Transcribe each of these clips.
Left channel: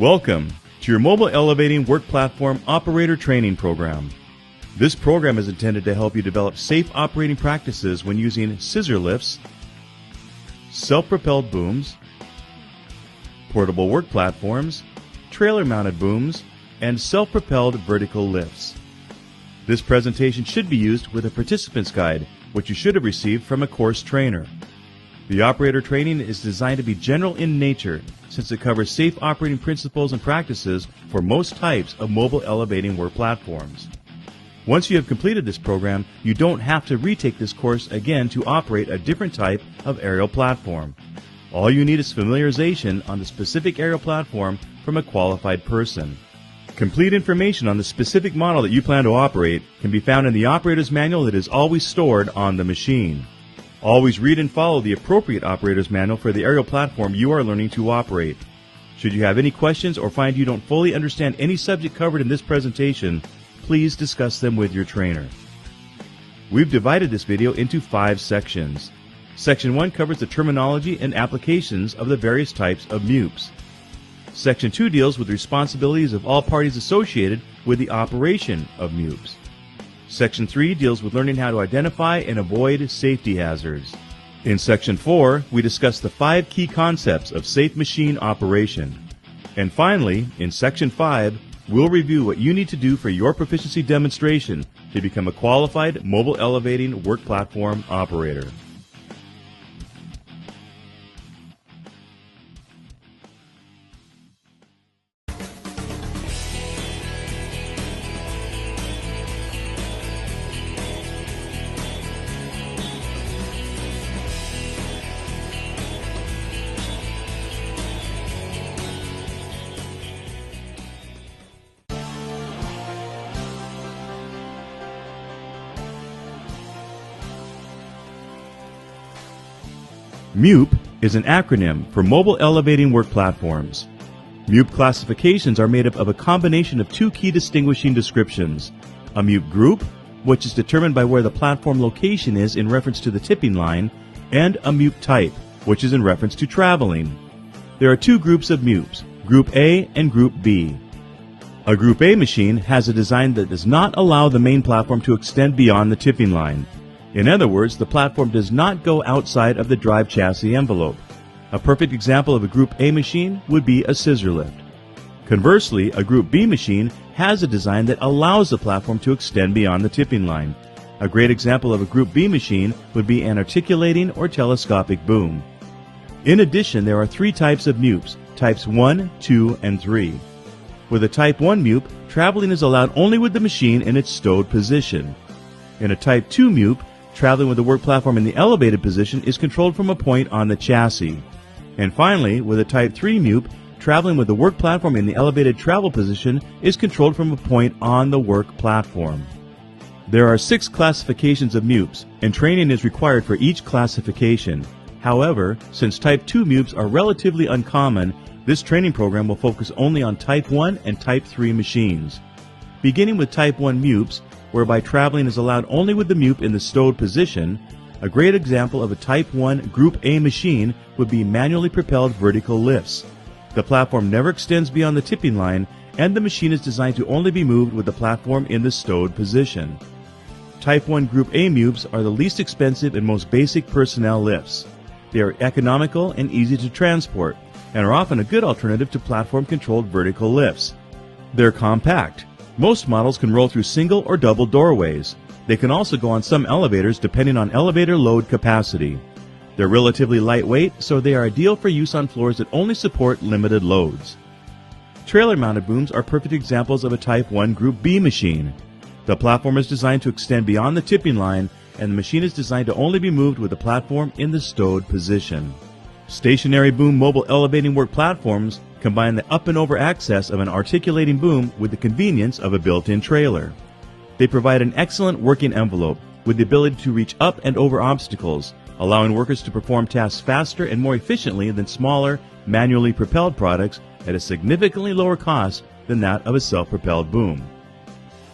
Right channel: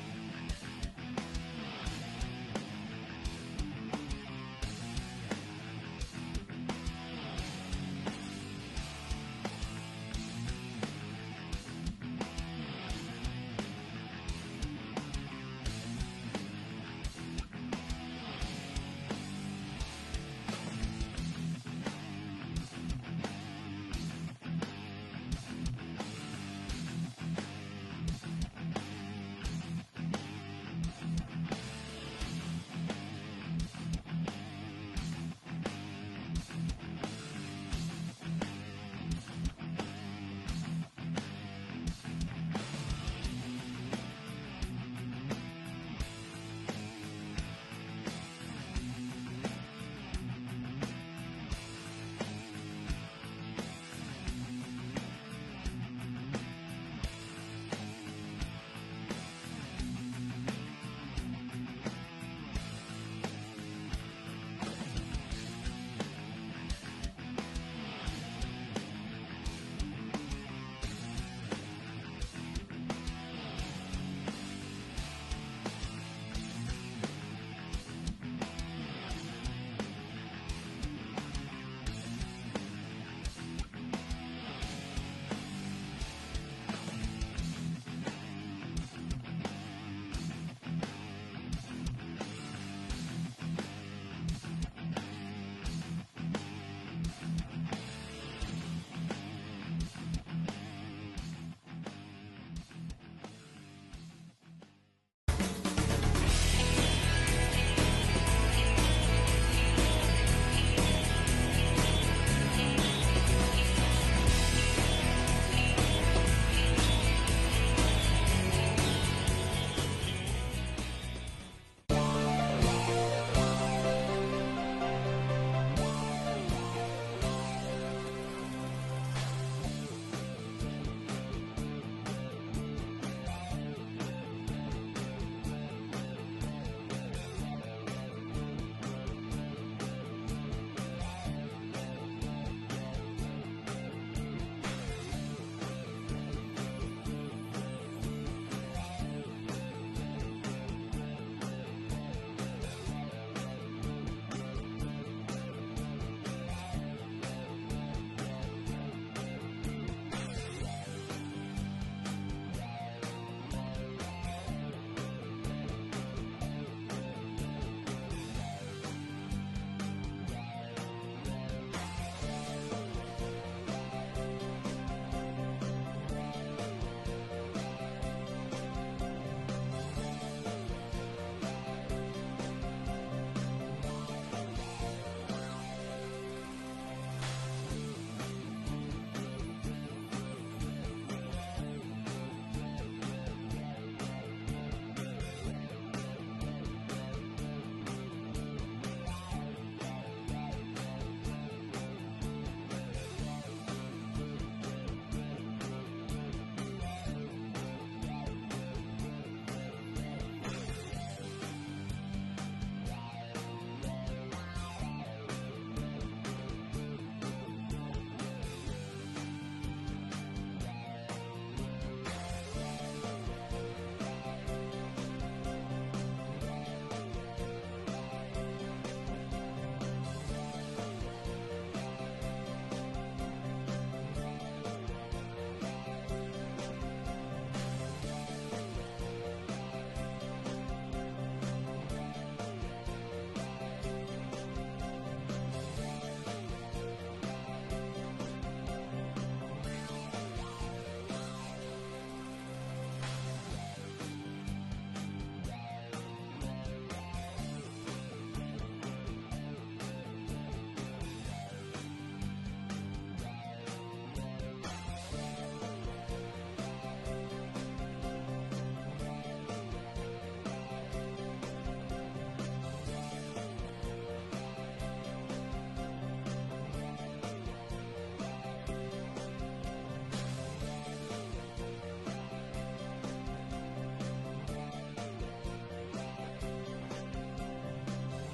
Welcome to your Mobile Elevating Work Platform Operator Training Program. This program is intended to help you develop safe operating practices when using scissor lifts, self-propelled booms, portable work platforms, trailer-mounted booms, and self-propelled vertical lifts. This presentation should be used with a participant's guide, which you should have received from a course trainer. The operator training is designed to be general in nature since it covers safe operating principles and practices for most types of mobile elevating work platforms. Once you have completed this program, you don't have to retake this course again to operate a different type of aerial platform. All you need is familiarization on the specific aerial platform from a qualified person. Complete information on the specific model that you plan to operate can be found in the operator's manual that is always stored on the machine. Always read and follow the appropriate operator's manual for the aerial platform you are learning to operate. Should you have any questions or find you don't fully understand any subject covered in this presentation, please discuss them with your trainer. We've divided this video into 5 sections. Section 1 covers the terminology and applications of the various types of Mewps. Section 2 deals with the responsibilities of all parties associated with the operation of Mewps. Section 3 deals with learning how to identify and avoid safety hazards. In Section 4, we discuss the 5 key concepts of safe machine operation. And finally, in Section 5, we'll review what you need to do for your proficiency demonstration to become a qualified mobile elevating work platform operator. Mewp is an acronym for Mobile Elevating Work Platforms. Mewp classifications are made up of a combination of 2 key distinguishing descriptions: a Mewp group, which is determined by where the platform location is in reference to the tipping line, and a Mewp type, which is in reference to traveling. There are 2 groups of Mewps, Group A and Group B. A Group A machine has a design that does not allow the main platform to extend beyond the tipping line. In other words, the platform does not go outside of the drive chassis envelope. A perfect example of a Group A machine would be a scissor lift. Conversely, a Group B machine has a design that allows the platform to extend beyond the tipping line. A great example of a Group B machine would be an articulating or telescopic boom. In addition, there are 3 types of Mewps, types 1, 2, and 3. With a Type 1 Mewp, traveling is allowed only with the machine in its stowed position. In a Type 2 Mewp, traveling with the work platform in the elevated position is controlled from a point on the chassis. And finally, with a Type 3 Mewp, traveling with the work platform in the elevated travel position is controlled from a point on the work platform. There are 6 classifications of Mewps, and training is required for each classification. However, since Type 2 Mewps are relatively uncommon, this training program will focus only on Type 1 and Type 3 machines. Beginning with Type 1 Mewps, whereby traveling is allowed only with the Mewp in the stowed position, a great example of a Type 1 Group A machine would be manually propelled vertical lifts. The platform never extends beyond the tipping line, and the machine is designed to only be moved with the platform in the stowed position. Type 1 Group A Mewps are the least expensive and most basic personnel lifts. They are economical and easy to transport, and are often a good alternative to platform-controlled vertical lifts. They're compact. Most models can roll through single or double doorways. They can also go on some elevators depending on elevator load capacity. They're relatively lightweight, so they are ideal for use on floors that only support limited loads. Trailer-mounted booms are perfect examples of a Type 1 Group B machine. The platform is designed to extend beyond the tipping line, and the machine is designed to only be moved with the platform in the stowed position. Stationary boom mobile elevating work platforms combine the up and over access of an articulating boom with the convenience of a built-in trailer. They provide an excellent working envelope with the ability to reach up and over obstacles, allowing workers to perform tasks faster and more efficiently than smaller, manually propelled products at a significantly lower cost than that of a self-propelled boom.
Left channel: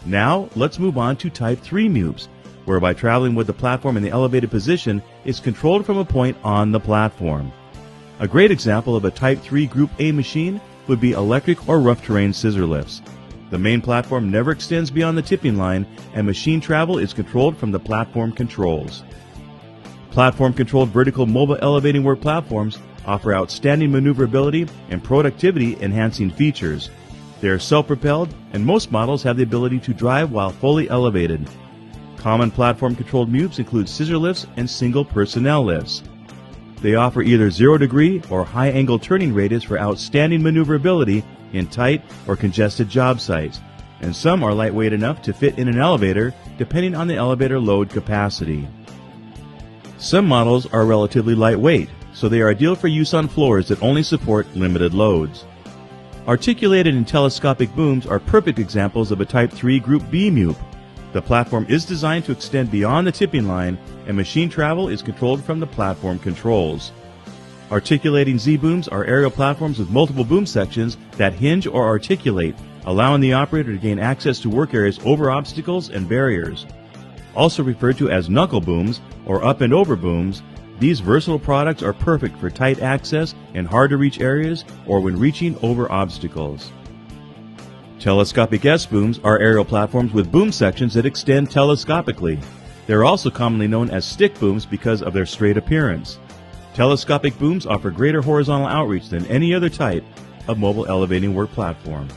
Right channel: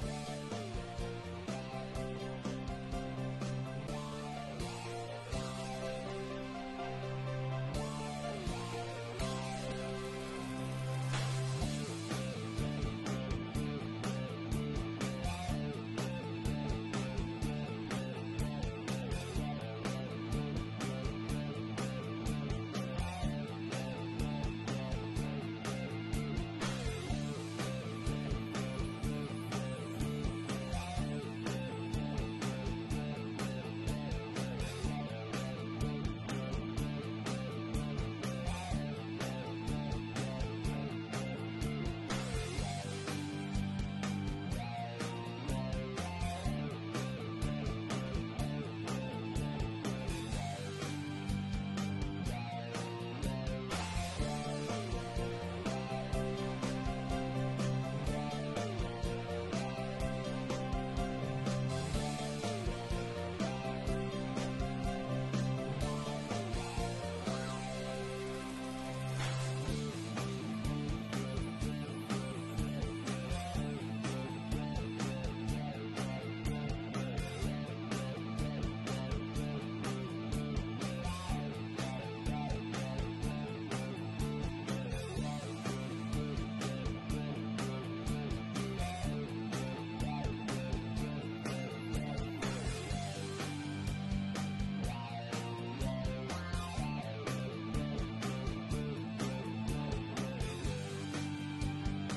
Now, let's move on to Type 3 Mewps, whereby traveling with the platform in the elevated position is controlled from a point on the platform. A great example of a Type 3 Group A machine would be electric or rough terrain scissor lifts. The main platform never extends beyond the tipping line, and machine travel is controlled from the platform controls. Platform-controlled vertical mobile elevating work platforms offer outstanding maneuverability and productivity-enhancing features. They are self-propelled, and most models have the ability to drive while fully elevated. Common platform-controlled Mewps include scissor lifts and single personnel lifts. They offer either 0-degree or high-angle turning radius for outstanding maneuverability in tight or congested job sites, and some are lightweight enough to fit in an elevator depending on the elevator load capacity. Some models are relatively lightweight, so they are ideal for use on floors that only support limited loads. Articulated and telescopic booms are perfect examples of a Type 3 Group B Mewp. The platform is designed to extend beyond the tipping line, and machine travel is controlled from the platform controls. Articulating Z-booms are aerial platforms with multiple boom sections that hinge or articulate, allowing the operator to gain access to work areas over obstacles and barriers. Also referred to as knuckle booms or up and over booms, these versatile products are perfect for tight access in hard-to-reach areas or when reaching over obstacles. Telescopic S-booms are aerial platforms with boom sections that extend telescopically. They are also commonly known as stick booms because of their straight appearance. Telescopic booms offer greater horizontal outreach than any other type of mobile elevating work platform.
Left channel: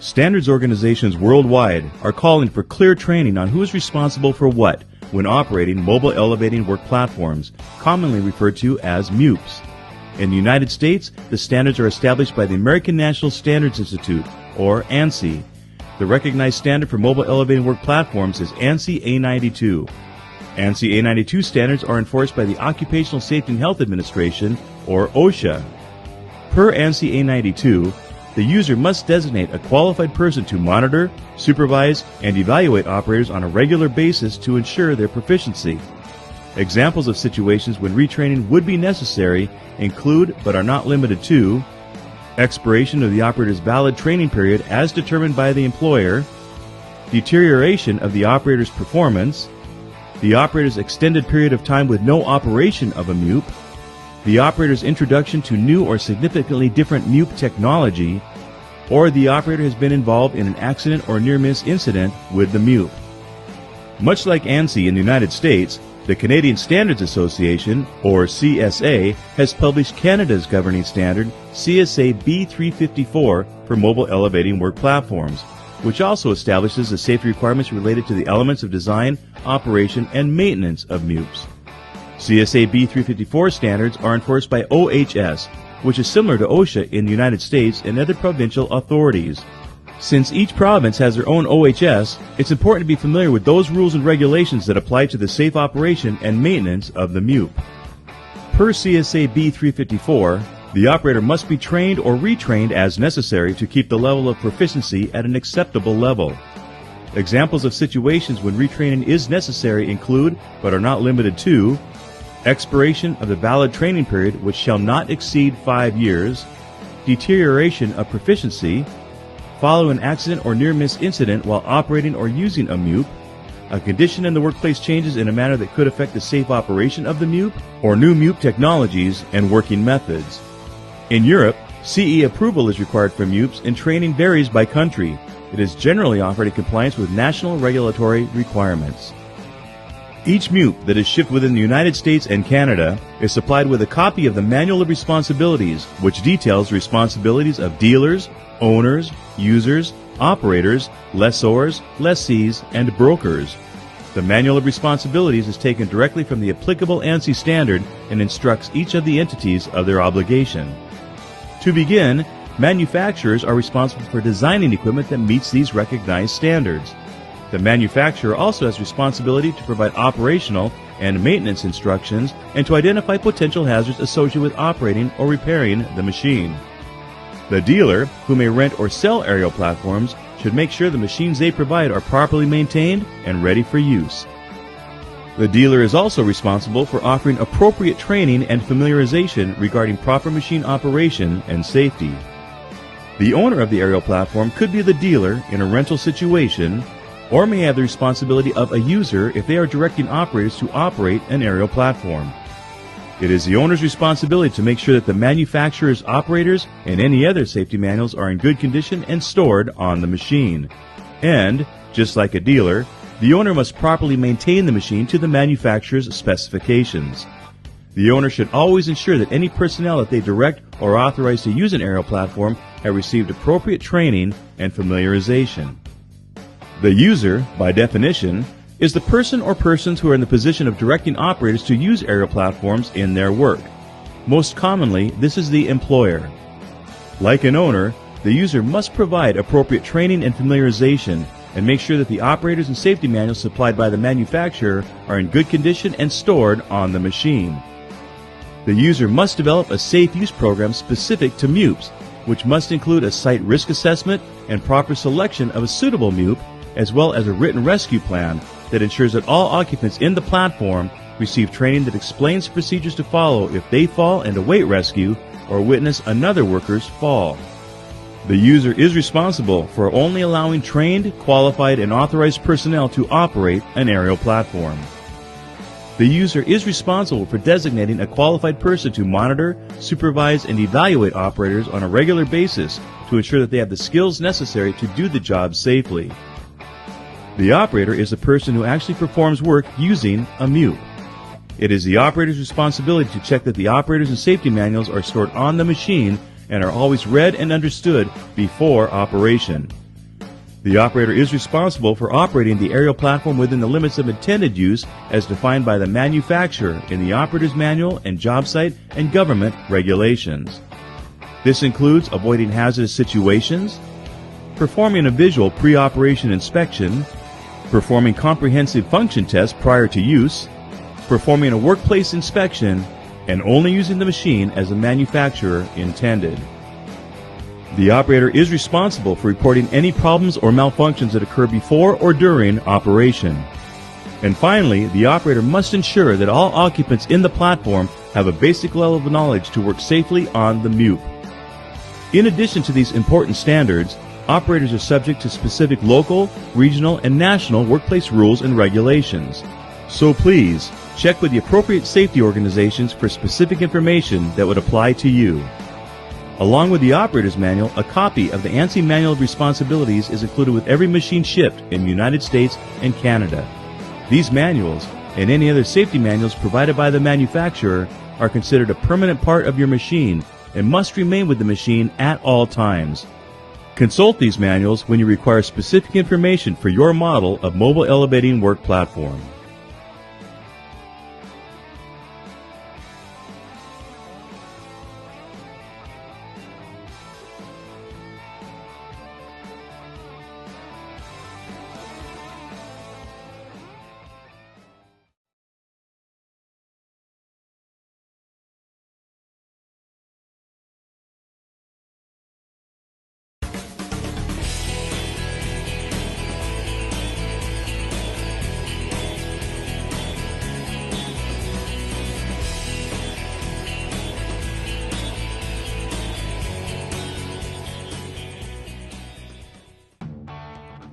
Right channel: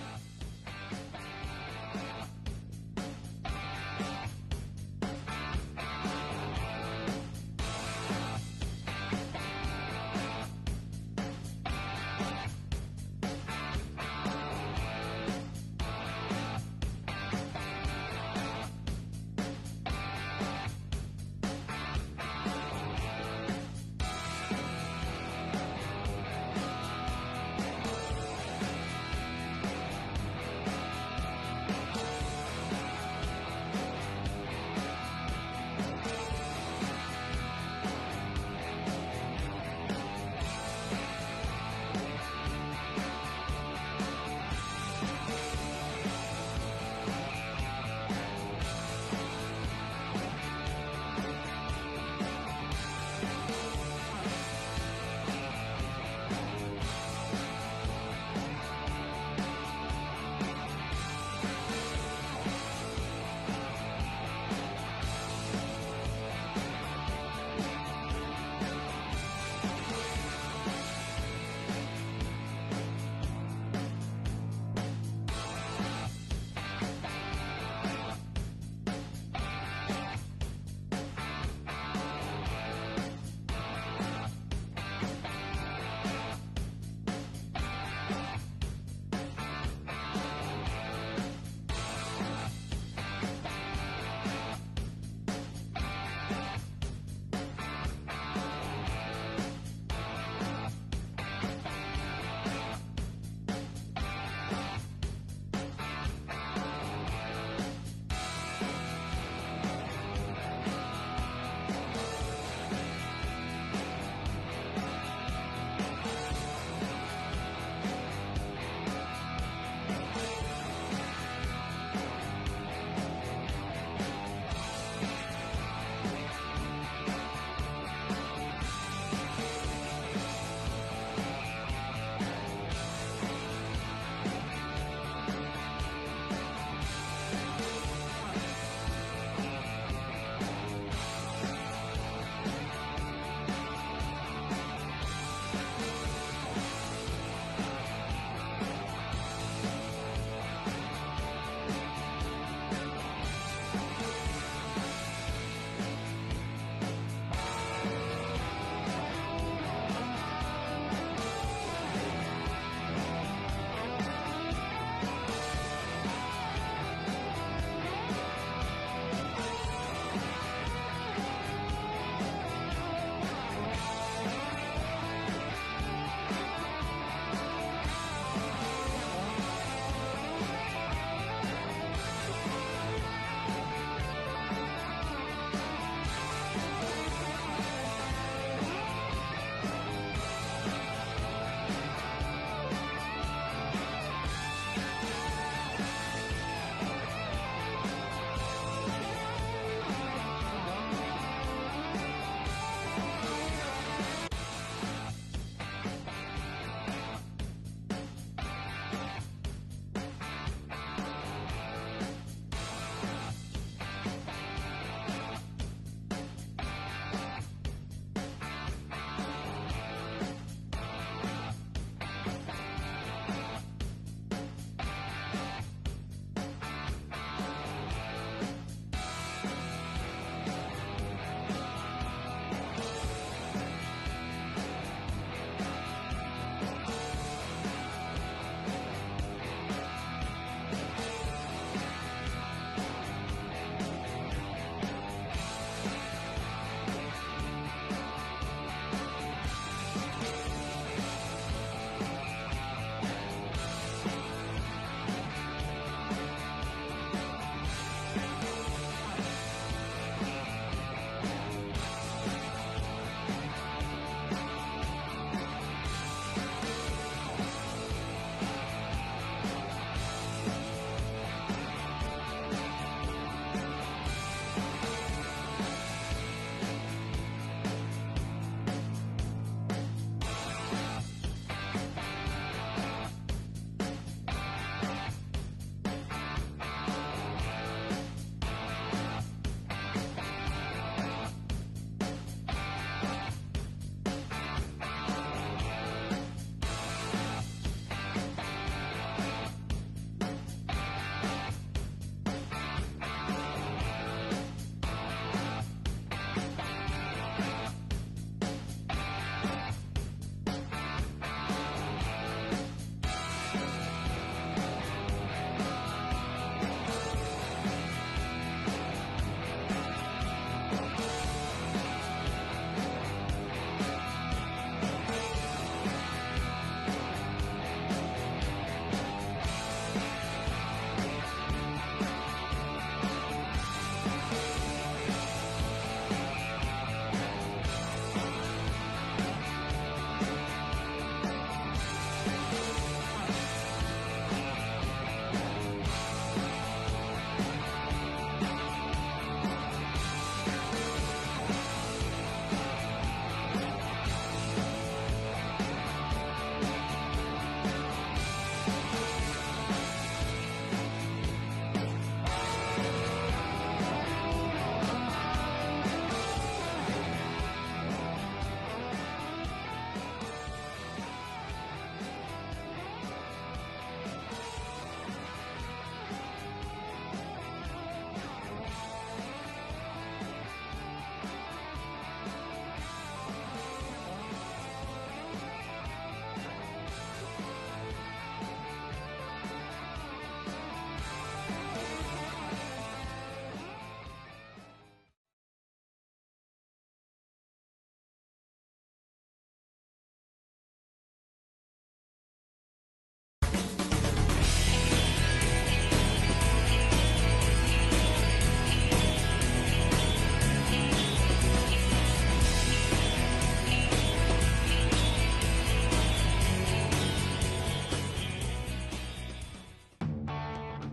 Standards organizations worldwide are calling for clear training on who is responsible for what when operating mobile elevating work platforms, commonly referred to as Mewps. In the United States, the standards are established by the American National Standards Institute, or ANSI. The recognized standard for mobile elevating work platforms is ANSI A92. ANSI A92 standards are enforced by the Occupational Safety and Health Administration, or OSHA. Per ANSI A92, the user must designate a qualified person to monitor, supervise, and evaluate operators on a regular basis to ensure their proficiency. Examples of situations when retraining would be necessary include, but are not limited to, expiration of the operator's valid training period as determined by the employer, deterioration of the operator's performance, the operator's extended period of time with no operation of a Mewp, the operator's introduction to new or significantly different Mewp technology, or the operator has been involved in an accident or near-miss incident with the Mewp. Much like ANSI in the United States, the Canadian Standards Association, or CSA, has published Canada's governing standard, CSA B354, for mobile elevating work platforms, which also establishes the safety requirements related to the elements of design, operation, and maintenance of Mewps. CSA B354 standards are enforced by OHS, which is similar to OSHA in the United States and other provincial authorities. Since each province has their own OHS, it's important to be familiar with those rules and regulations that apply to the safe operation and maintenance of the Mewp. Per CSA B354, the operator must be trained or retrained as necessary to keep the level of proficiency at an acceptable level. Examples of situations when retraining is necessary include, but are not limited to, expiration of the valid training period which shall not exceed 5 years, deterioration of proficiency, following an accident or near-miss incident while operating or using a Mewp, a condition in the workplace changes in a manner that could affect the safe operation of the Mewp, or new Mewp technologies and working methods. In Europe, CE approval is required for Mewps and training varies by country. It is generally offered in compliance with national regulatory requirements. Each Mewp that is shipped within the United States and Canada is supplied with a copy of the Manual of Responsibilities, which details the responsibilities of dealers, owners, users, operators, lessors, lessees, and brokers. The Manual of Responsibilities is taken directly from the applicable ANSI standard and instructs each of the entities of their obligation. To begin, manufacturers are responsible for designing equipment that meets these recognized standards. The manufacturer also has responsibility to provide operational and maintenance instructions and to identify potential hazards associated with operating or repairing the machine. The dealer, who may rent or sell aerial platforms, should make sure the machines they provide are properly maintained and ready for use. The dealer is also responsible for offering appropriate training and familiarization regarding proper machine operation and safety. The owner of the aerial platform could be the dealer in a rental situation, or may have the responsibility of a user if they are directing operators to operate an aerial platform. It is the owner's responsibility to make sure that the manufacturer's operators and any other safety manuals are in good condition and stored on the machine. And, just like a dealer, the owner must properly maintain the machine to the manufacturer's specifications. The owner should always ensure that any personnel that they direct or authorize to use an aerial platform have received appropriate training and familiarization. The user, by definition, is the person or persons who are in the position of directing operators to use aerial platforms in their work. Most commonly, this is the employer. Like an owner, the user must provide appropriate training and familiarization and make sure that the operators and safety manuals supplied by the manufacturer are in good condition and stored on the machine. The user must develop a safe use program specific to Mewps, which must include a site risk assessment and proper selection of a suitable Mewp, as well as a written rescue plan that ensures that all occupants in the platform receive training that explains procedures to follow if they fall and await rescue or witness another worker's fall. The user is responsible for only allowing trained, qualified, and authorized personnel to operate an aerial platform. The user is responsible for designating a qualified person to monitor, supervise, and evaluate operators on a regular basis to ensure that they have the skills necessary to do the job safely. The operator is the person who actually performs work using a Mewp. It is the operator's responsibility to check that the operators and safety manuals are stored on the machine and are always read and understood before operation. The operator is responsible for operating the aerial platform within the limits of intended use as defined by the manufacturer in the operator's manual and job site and government regulations. This includes avoiding hazardous situations, performing a visual pre-operation inspection, performing comprehensive function tests prior to use, performing a workplace inspection, and only using the machine as the manufacturer intended. The operator is responsible for reporting any problems or malfunctions that occur before or during operation. And finally, the operator must ensure that all occupants in the platform have a basic level of knowledge to work safely on the Mewp. In addition to these important standards, operators are subject to specific local, regional, and national workplace rules and regulations. So please, check with the appropriate safety organizations for specific information that would apply to you. Along with the operator's manual, a copy of the ANSI Manual of Responsibilities is included with every machine shipped in the United States and Canada. These manuals, and any other safety manuals provided by the manufacturer, are considered a permanent part of your machine and must remain with the machine at all times. Consult these manuals when you require specific information for your model of mobile elevating work platform.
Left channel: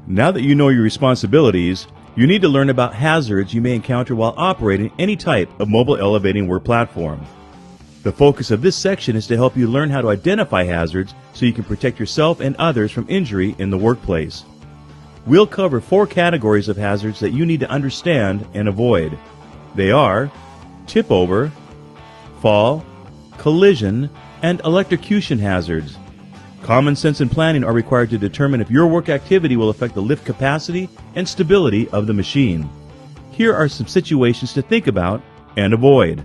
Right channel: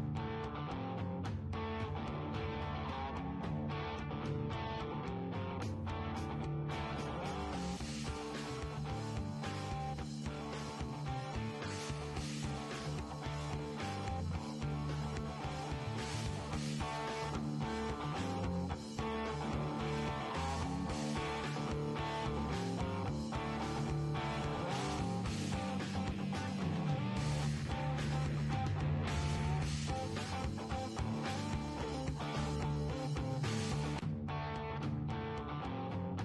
Now that you know your responsibilities, you need to learn about hazards you may encounter while operating any type of mobile elevating work platform. The focus of this section is to help you learn how to identify hazards so you can protect yourself and others from injury in the workplace. We'll cover 4 categories of hazards that you need to understand and avoid. They are tip over, fall, collision, and electrocution hazards. Common sense and planning are required to determine if your work activity will affect the lift capacity and stability of the machine. Here are some situations to think about and avoid.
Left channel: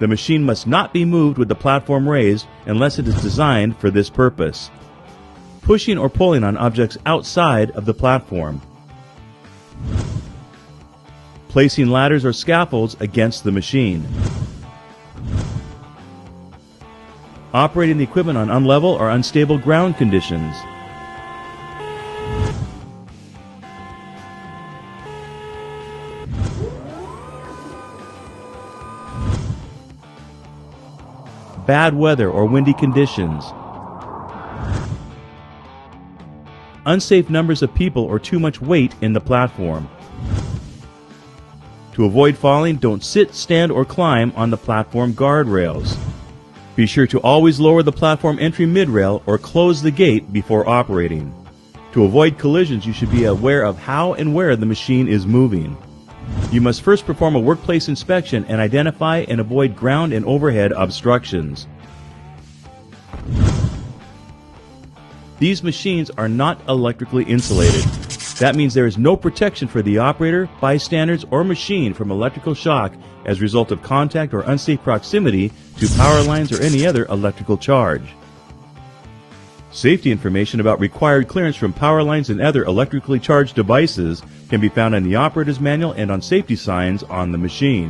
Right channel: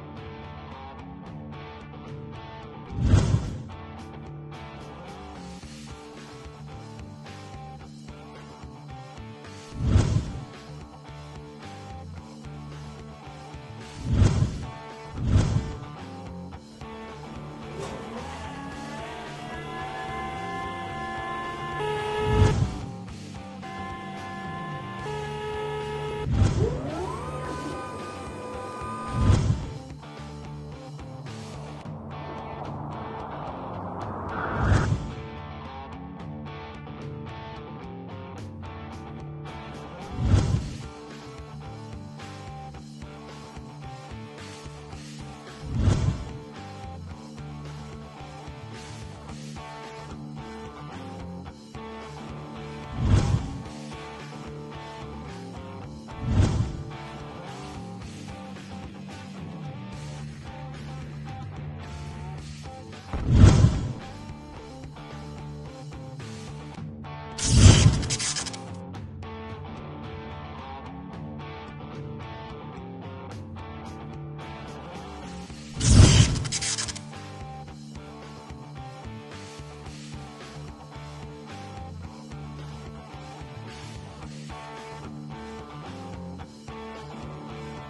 The machine must not be moved with the platform raised unless it is designed for this purpose. Pushing or pulling on objects outside of the platform. placing ladders or scaffolds against the machine, operating the equipment on unlevel or unstable ground conditions, bad weather or windy conditions, unsafe numbers of people or too much weight in the platform. To avoid falling, don't sit, stand, or climb on the platform guardrails. Be sure to always lower the platform entry mid-rail or close the gate before operating. To avoid collisions, you should be aware of how and where the machine is moving. You must first perform a workplace inspection and identify and avoid ground and overhead obstructions. These machines are not electrically insulated. That means there is no protection for the operator, bystanders, or machine from electrical shock as a result of contact or unsafe proximity to power lines or any other electrical charge. Safety information about required clearance from power lines and other electrically charged devices can be found in the operator's manual and on safety signs on the machine.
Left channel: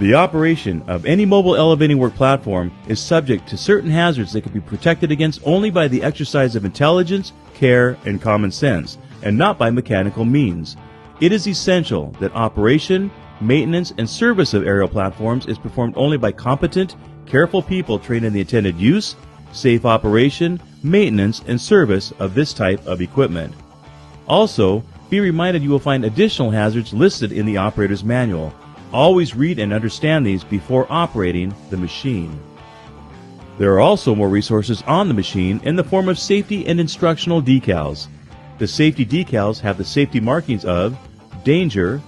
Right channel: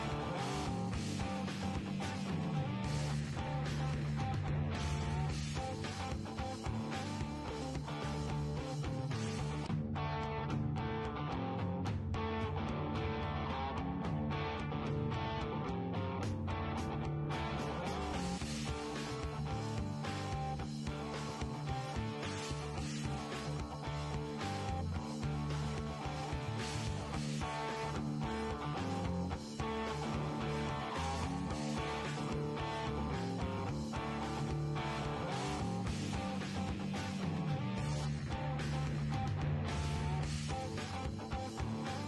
The operation of any mobile elevating work platform is subject to certain hazards that can be protected against only by the exercise of intelligence, care, and common sense, and not by mechanical means. It is essential that operation, maintenance, and service of aerial platforms is performed only by competent, careful people trained in the intended use, safe operation, maintenance, and service of this type of equipment. Also, be reminded you will find additional hazards listed in the operator's manual. Always read and understand these before operating the machine. There are also more resources on the machine in the form of safety and instructional decals. The safety decals have the safety markings of danger,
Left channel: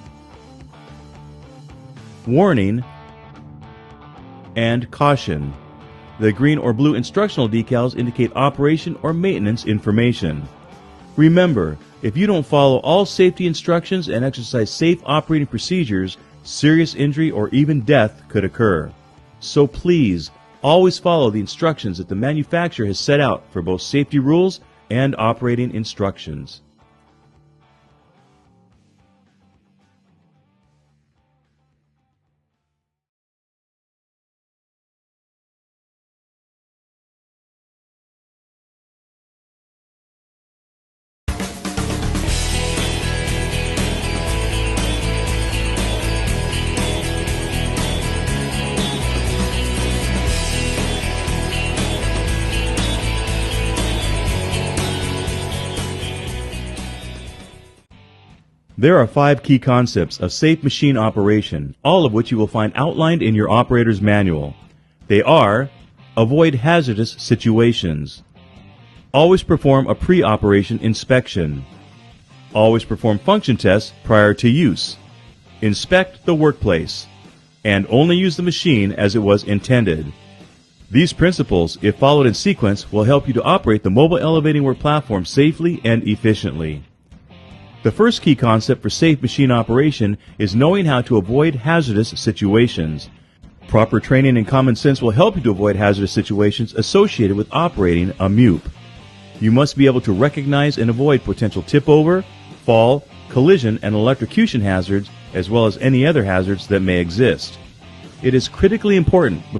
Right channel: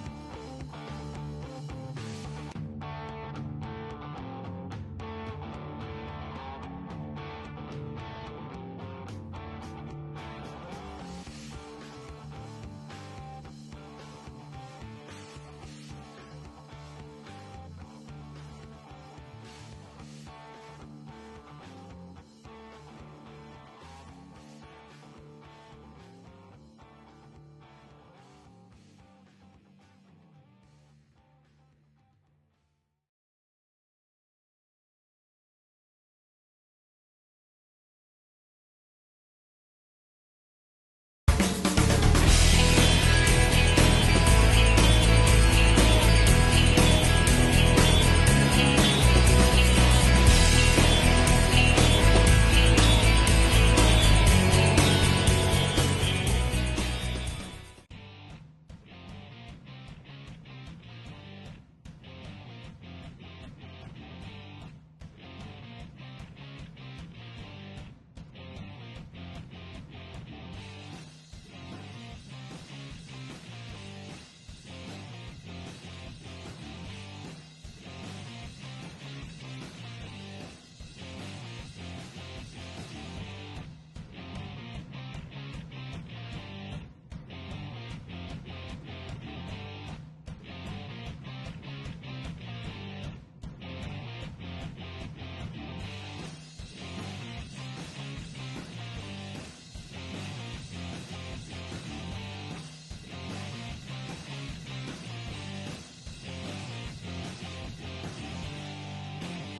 warning, and caution. The green or blue instructional decals indicate operation or maintenance information. Remember, if you don't follow all safety instructions and exercise safe operating procedures, serious injury or even death could occur. So please, always follow the instructions that the manufacturer has set out for both safety rules and operating instructions. There are 5 key concepts of safe machine operation, all of which you will find outlined in your operator's manual. They are: avoid hazardous situations, always perform a pre-operation inspection, always perform function tests prior to use, inspect the workplace, and only use the machine as it was intended. These principles, if followed in sequence, will help you to operate the mobile elevating work platform safely and efficiently. The first key concept for safe machine operation is knowing how to avoid hazardous situations. Proper training and common sense will help you to avoid hazardous situations associated with operating a Mewp. You must be able to recognize and avoid potential tip-over, fall, collision, and electrocution hazards, as well as any other hazards that may exist. It is critically important